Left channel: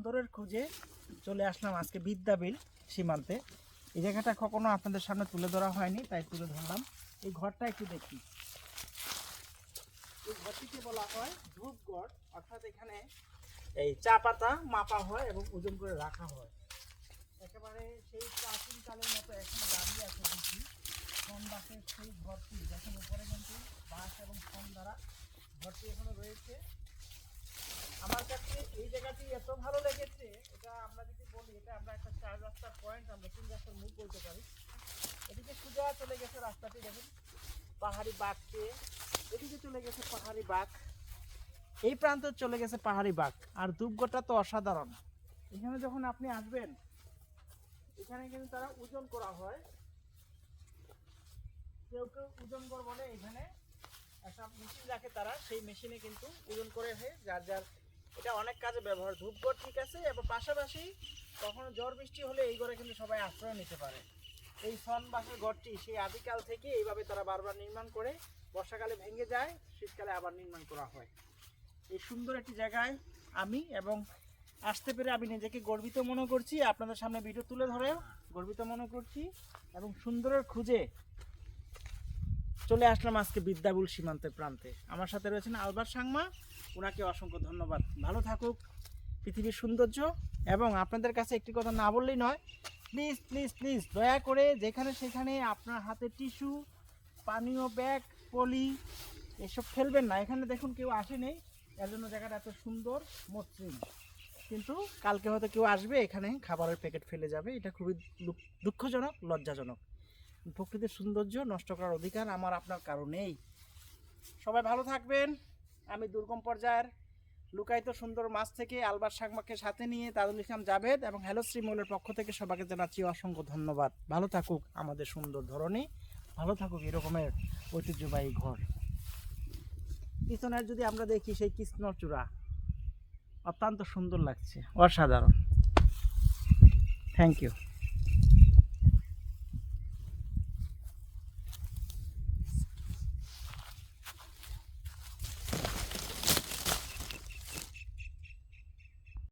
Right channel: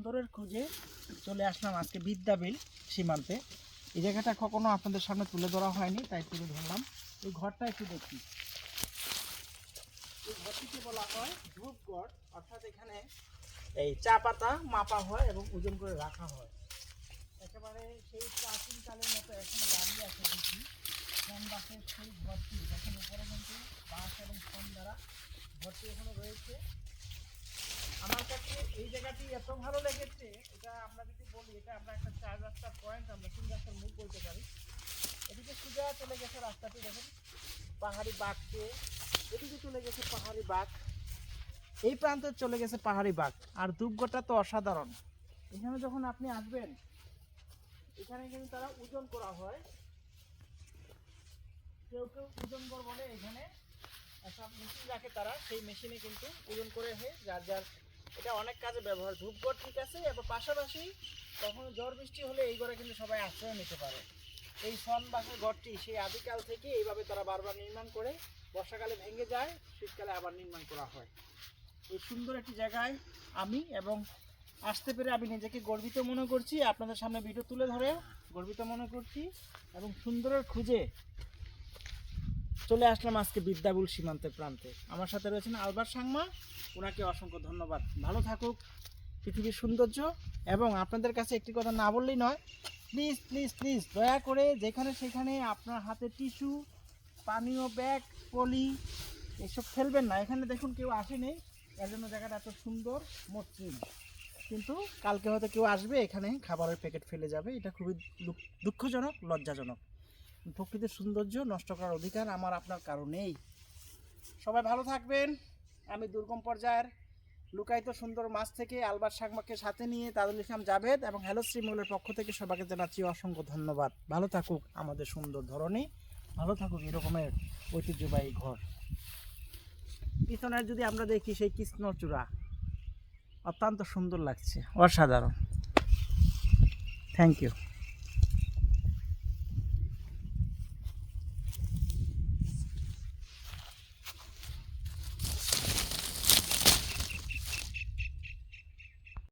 সুন্দরের খোঁজে চলে আসলাম আজকে বিদ্যাবিল সীমান্তে। এই জায়গাটা কখনো আপনাদের সামনে তুলে ধরা হয়নি, তাই তুলে ধরলাম। এই ঘরটা একটু দেখি এই ঘরটিকে বলা হয় ধূপগড় অর্থাৎ এখানে এই চা পাতা মাপা হয় এবং ওজন করে রাখা হয়। একেবারে সেই প্রাচীন কালের মতো এখনও দাঁড়িয়ে আছে দেখি বাসের সেই ঘরটি, দেখেন, উপরে কিন্তু বাঁশ এবং সোন দ্বারা ঘরটি এখনও রয়েছে। এই জায়গাটি এত ভালো লেগেছে, এটা আমরা যদি বলি, এটা আমরা একটা চার রাস্তার পয়েন্ট আমরা তিন রাস্তার মুখ বলতে পারি। এদিকে সোজা চলে গেছে রাস্তাটি, দেখেন। পাহাড়ি বাঘকে এদিকে চলে গেছে পাহাড়ি বাঘ। এই প্রান্তে চলে গেছে পাহাড়ি বাঘ। আর দুর্গটা তো অসাধারণ। এখানে যখন আপনি আসবেন, এখানে কিন্তু তারা ওজন করা হয়। কেউ কেউ ওজন কর বলে এখানে, একটা মেশিন রাখে তারা। সেই মেশিনে কিন্তু ওজন করে হয়ে, যার যার এটা অনেক কাজে ব্যবহার, ধূপগড় ঠিক আছে এবং পাশাপাশি কখনো ঝড় বৃষ্টি হলে এই ঘরে কিন্তু সবাই আশ্রয় নিতে পারে। এই সন বাসের ঘরটি সেই আদিকাল থেকে এইভাবে তারা বারবার নির্মাণ করে, বর্ষাকালে ভেঙে যায়, শীতকালে আবার নির্মাণ করা হয়। এই সুন্দর একটি জায়গায় আমি এবং আসতে পেরে আমি নিজেকে গর্বিত মনে করছি। আপনাদের সামনে ভিডিও তুলে ধরেও গর্বিত মনে করছি এবং সুন্দরের খুঁজে চলে আসলাম আজকে বিদ্যাবুল সীমান্তের প্রান্তে। আমার সাথে রয়েছেন আলবার সাংমা। ওনাকে অসংখ্য ধন্যবাদ। ভালো থাকুক। পৃথিবীর সৌন্দর্য এবং আপনাদের কাছে একটি কথা না বললেই নয় প্লিজ প্লিজ প্লিজ দয়া করে যেখানে সেখানে আপনার হাতে টিস্যু, পানীয় ব্যাগ, পলি, এসব ফেলবেন না। এখানে দেখুন কেউ আসেনি এর জন্য জায়গাটা এত সুন্দর, মসৃণ। কিন্তু কালকে হয়তো কেউ আসবে, এখানে খাবারের প্যাকেট ফেলে যাবে। এটা খুবই দুঃখ- দুঃখজনক, লজ্জাজনক। প্রকৃতির সৌন্দর্য নষ্ট করার অধিকার আমার আপনার কারণেই। সবাই ভালো থাকবেন। আমি দুর্গম পর্যায়ের লুকায়িত সুন্দর মাছ থেকে আলবার সাগমাকে সাথে নিয়ে তাজুল ইসলাম জাভেদ এবং হ্যালো শ্রীমলের পক্ষ থেকে সবাইকে জানাচ্ছি অসংখ্য ধন্যবাদ। ভালো থাকুক আমাদের সুন্দর ধরনী ভালো থাকুক এরকমের ঐতিহ্যবাহী ঘর। পিছনের যদি আমরা দেখি সেই কৃষ্ণচূড়া, অত্যন্ত সুন্দর লাগছে। অসাধারণ। Thank you